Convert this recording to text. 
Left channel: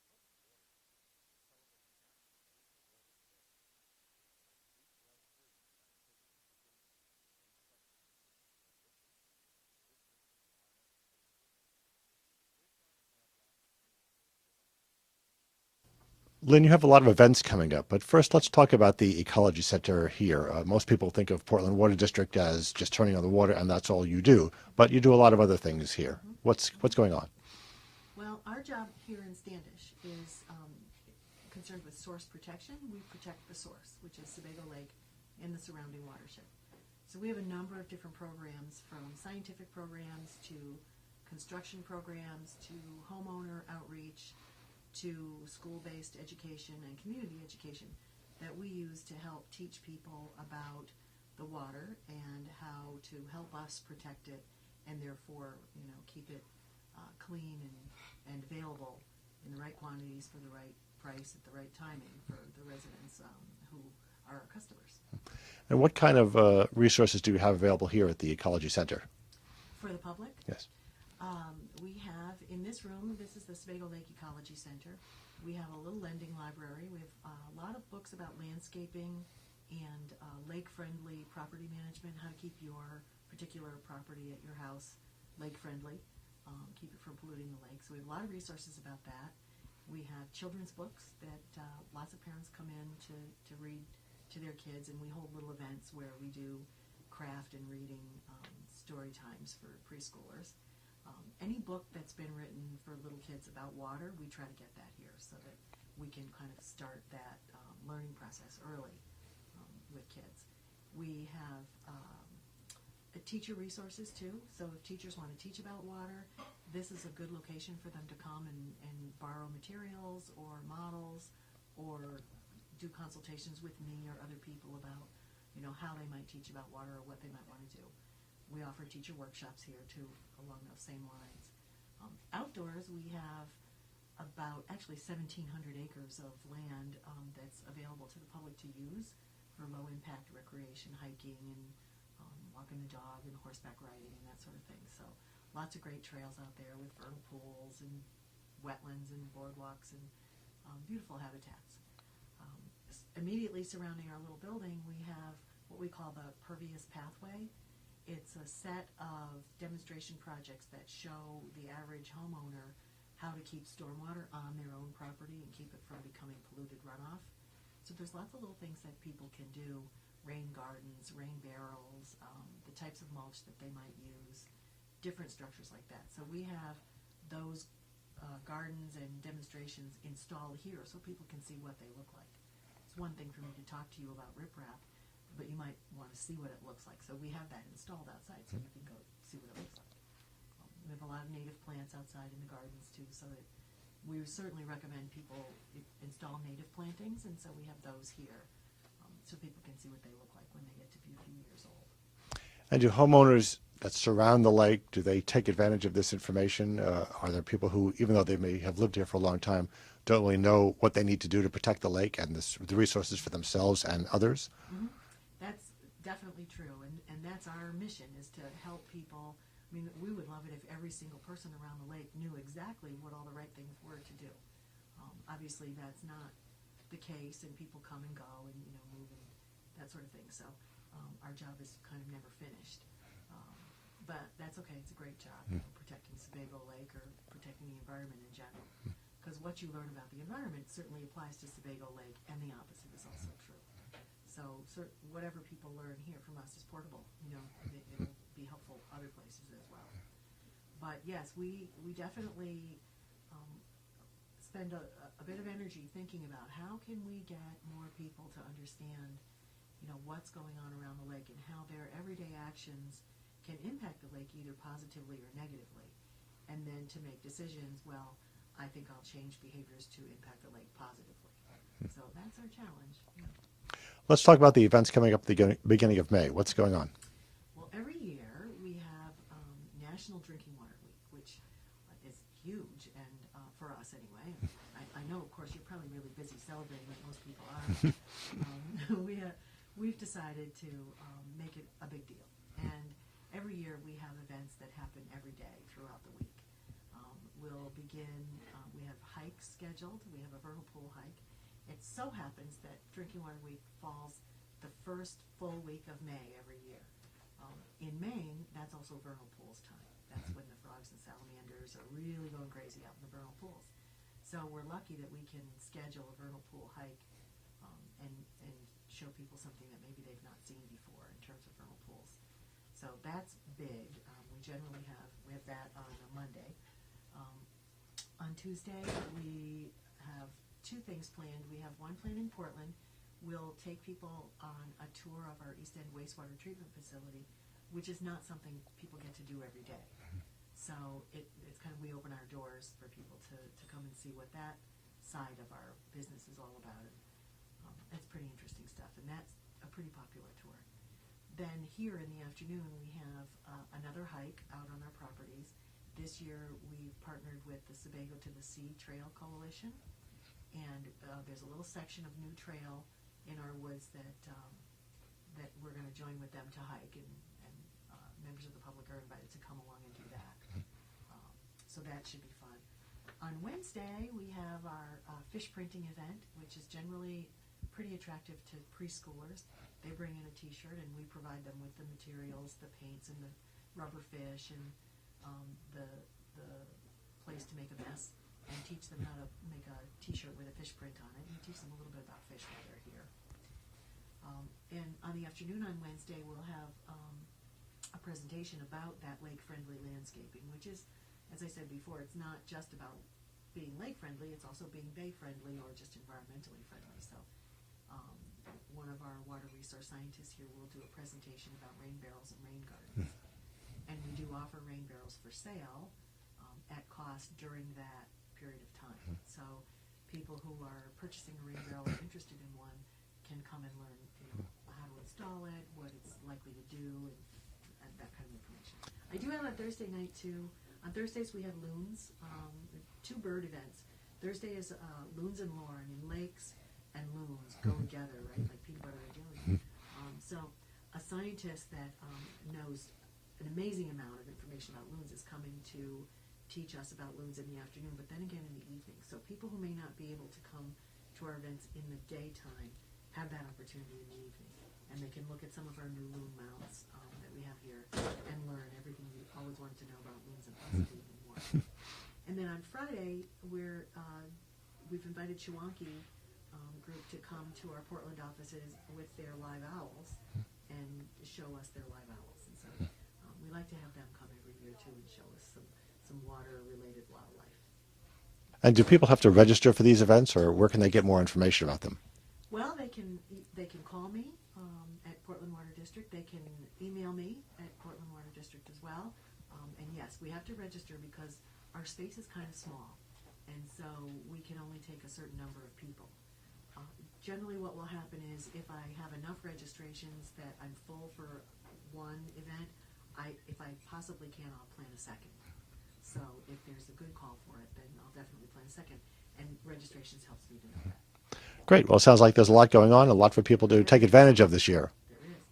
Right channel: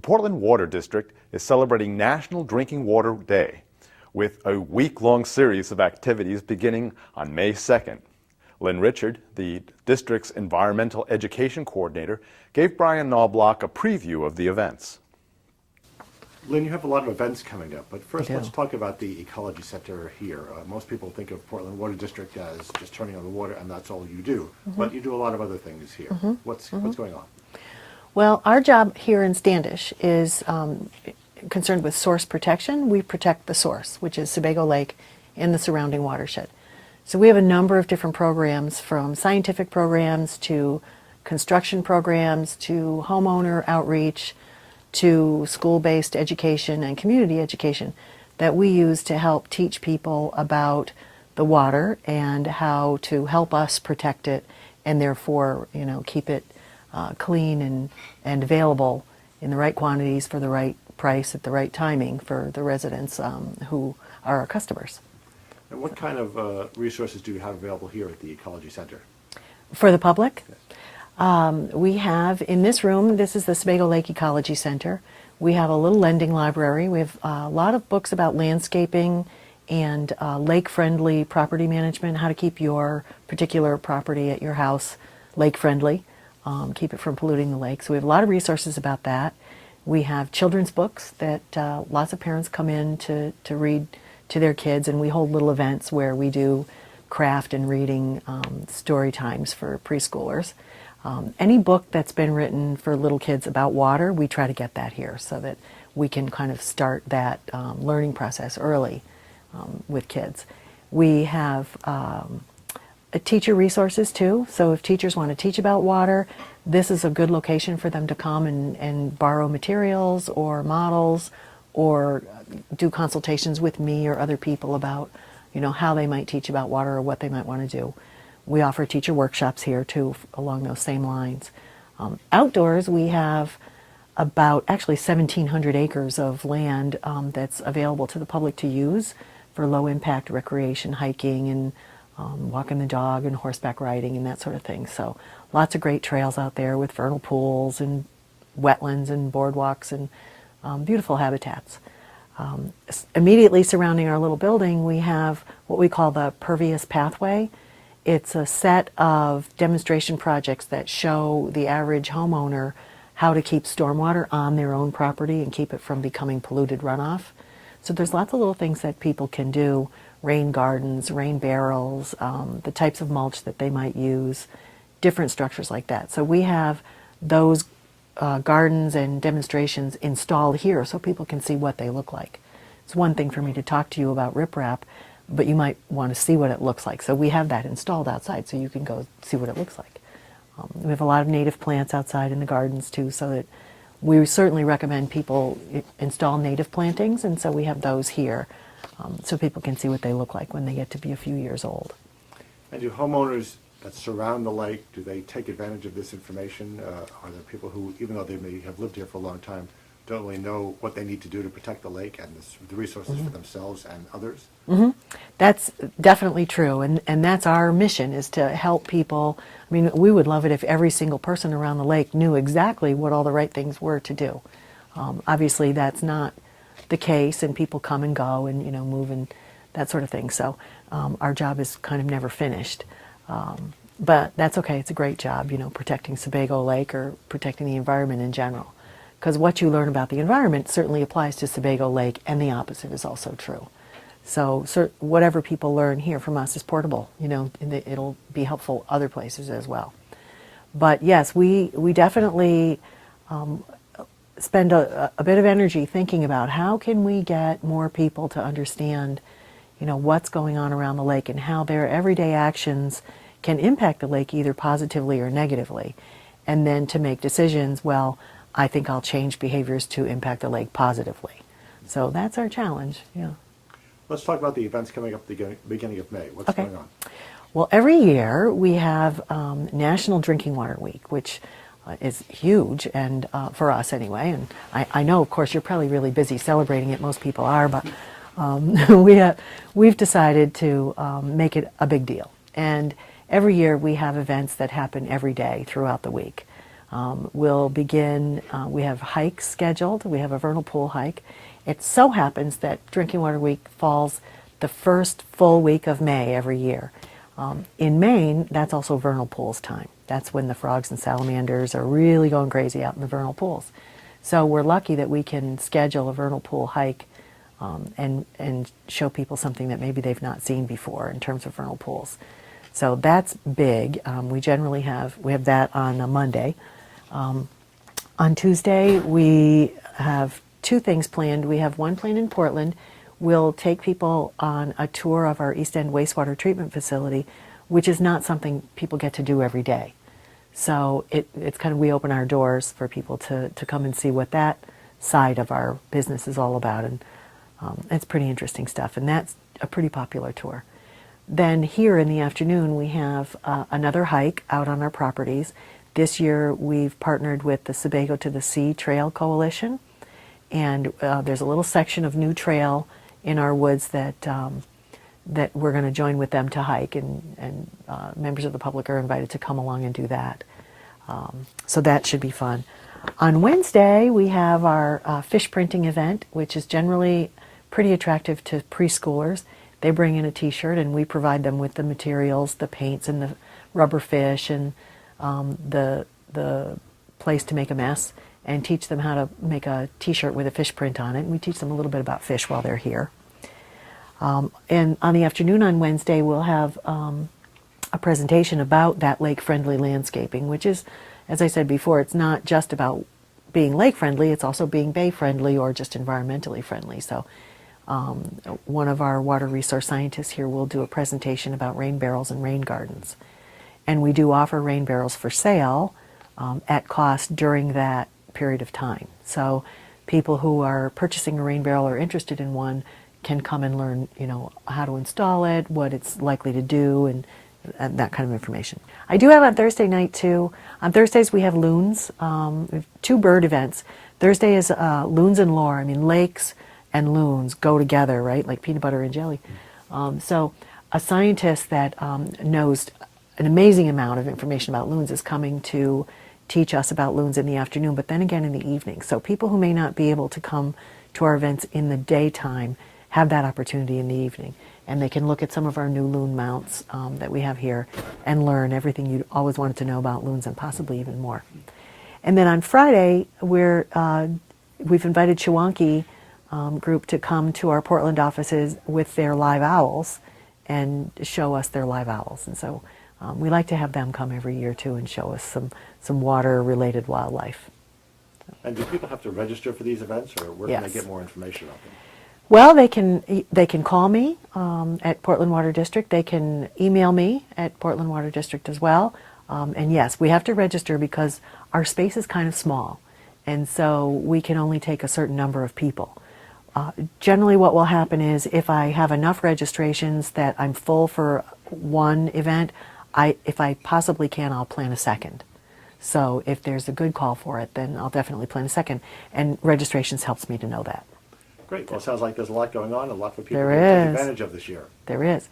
The Portland Water District is celebrating National Drinking Water Day with a week-long series of activities beginning on May 2nd. Lynn Richard, the district's environmental education coordinator, gave Brian Knobloch a preview of the events. Lynn, you have a lot of events coming up, but first let's talk about the Ecology Center here. Most people think of Portland Water District as just turning on the water and that's all you do, but you do a lot of other things here. What's going on? Well, our job here in Standish is concerned with source protection. We protect the source, which is Sebago Lake and the surrounding watershed. So we have a number of different programs, from scientific programs to construction programs to homeowner outreach to school-based education and community education that we use to help teach people about the water and how to help us protect it and therefore, keep it clean and available in the right quantities for the right price at the right timing for the residents who are our customers. And what kind of resources do you have available here at the Ecology Center? For the public? Yes. We have in this room, this is the Sebago Lake Ecology Center. We have a little lending library. We have a lot of books about landscaping and lake-friendly property management, how to keep your particular property at your house lake-friendly, keep it from polluting the lake. So we have a lot of resources about that. We have children's books that lots of parents come in to read to their kids, and we hold little events where we do craft and reading story times for preschoolers. Any book that's been written for little kids about water, we try to get that here so that we can kind of start that learning process early with kids. We have teacher resources too, so if teachers want to teach about water, this is a good location for them to come and borrow materials or models or do consultations with me or other people about how they might teach about water or what they might want to do. We offer teacher workshops here too along those same lines. Outdoors we have about actually 1,700 acres of land that's available to the public to use for low impact recreation, hiking and walking the dog and horseback riding and that sort of thing. So lots of great trails out there with vernal pools and wetlands and boardwalks and beautiful habitats. Immediately surrounding our little building we have what we call the Pervious Pathway. It's a set of demonstration projects that show the average homeowner how to keep stormwater on their own property and keep it from becoming polluted runoff. So there's lots of little things that people can do, rain gardens, rain barrels, the types of mulch that they might use, different structures like that. So we have those gardens and demonstrations installed here so people can see what they look like. It's one thing for me to talk to you about riprap, but you might want to see what it looks like. So we have that installed outside so you can go see what it looks like. We have a lot of native plants outside in the gardens too, so that we certainly recommend people install native plantings, and so we have those here so people can see what they look like when they get to be a few years old. And do homeowners that surround the lake, do they take advantage of this information? Are there people who, even though they may have lived here for a long time, don't really know what they need to do to protect the lake and the resources for themselves and others? That's definitely true, and that's our mission, is to help people. I mean, we would love it if every single person around the lake knew exactly what all the right things were to do. Obviously that's not the case, and people come and go and move and that sort of thing, so our job is kind of never finished. But that's okay, it's a great job, protecting Sebago Lake or protecting the environment in general. Because what you learn about the environment certainly applies to Sebago Lake, and the opposite is also true. So whatever people learn here from us is portable, and it'll be helpful other places as well. But yes, we definitely spend a bit of energy thinking about how can we get more people to understand, what's going on around the lake and how their everyday actions can impact the lake either positively or negatively, and then to make decisions, well, I think I'll change behaviors to impact the lake positively. So that's our challenge, yeah. Let's talk about the events coming up at the beginning of May. What's going on? Well, every year we have National Drinking Water Week, which is huge, and for us anyway. And I know, of course, you're probably really busy celebrating it. Most people are, but we've decided to make it a big deal. And every year we have events that happen every day throughout the week. We'll begin, we have hikes scheduled. We have a vernal pool hike. It so happens that Drinking Water Week falls the first full week of May every year. In Maine, that's also vernal pools time. That's when the frogs and salamanders are really going crazy out in the vernal pools. So we're lucky that we can schedule a vernal pool hike and show people something that maybe they've not seen before in terms of vernal pools. So that's big. We generally have that on a Monday. On Tuesday, we have two things planned. We have one planned in Portland. We'll take people on a tour of our East End wastewater treatment facility, which is not something people get to do every day. So it's kind of, we open our doors for people to come and see what that side of our business is all about. And it's pretty interesting stuff. And that's a pretty popular tour. Then here in the afternoon, we have another hike out on our properties. This year, we've partnered with the Sebago to the Sea Trail Coalition. And there's a little section of new trail in our woods that that we're going to join with them to hike, and members of the public are invited to come along and do that. So that should be fun. On Wednesday, we have our fish printing event, which is generally pretty attractive to preschoolers. They bring in a t-shirt and we provide them with the materials, the paints and the rubber fish and the place to make a mess, and teach them how to make a t-shirt with a fish print on it. And we teach them a little bit about fish while they're here. And on the afternoon on Wednesday, we'll have a presentation about that lake-friendly landscaping, which is, as I said before, it's not just about being lake-friendly, it's also being bay-friendly or just environmentally friendly. So one of our water resource scientists here will do a presentation about rain barrels and rain gardens. And we do offer rain barrels for sale at cost during that period of time. So people who are purchasing a rain barrel or interested in one can come and learn, how to install it, what it's likely to do, and that kind of information. I do have on Thursday night too. On Thursdays we have loons. We have two bird events. Thursday is loons and lore. I mean, lakes and loons go together, right? Like peanut butter and jelly. So a scientist that knows an amazing amount of information about loons is coming to teach us about loons in the afternoon, but then again in the evening. So people who may not be able to come to our events in the daytime have that opportunity in the evening. And they can look at some of our new loon mounts that we have here and learn everything you always wanted to know about loons, and possibly even more. And then on Friday, we've invited Chewonki group to come to our Portland offices with their live owls and show us their live owls. And so we like to have them come every year too and show us some water-related wildlife. And do people have to register for these events, or where can they Yes. get more information about them? Well, they can call me at Portland Water District. They can email me at Portland Water District as well. And yes, we have to register because our space is kind of small, and so we can only take a certain number of people. Generally what will happen is if I have enough registrations that I'm full for one event, if I possibly can, I'll plan a second. So if there's a good call for it, then I'll definitely plan a second. And registrations helps me to know that. Great. Well, it sounds like there's a lot going on, a lot for people There to take is. advantage of this year. There is.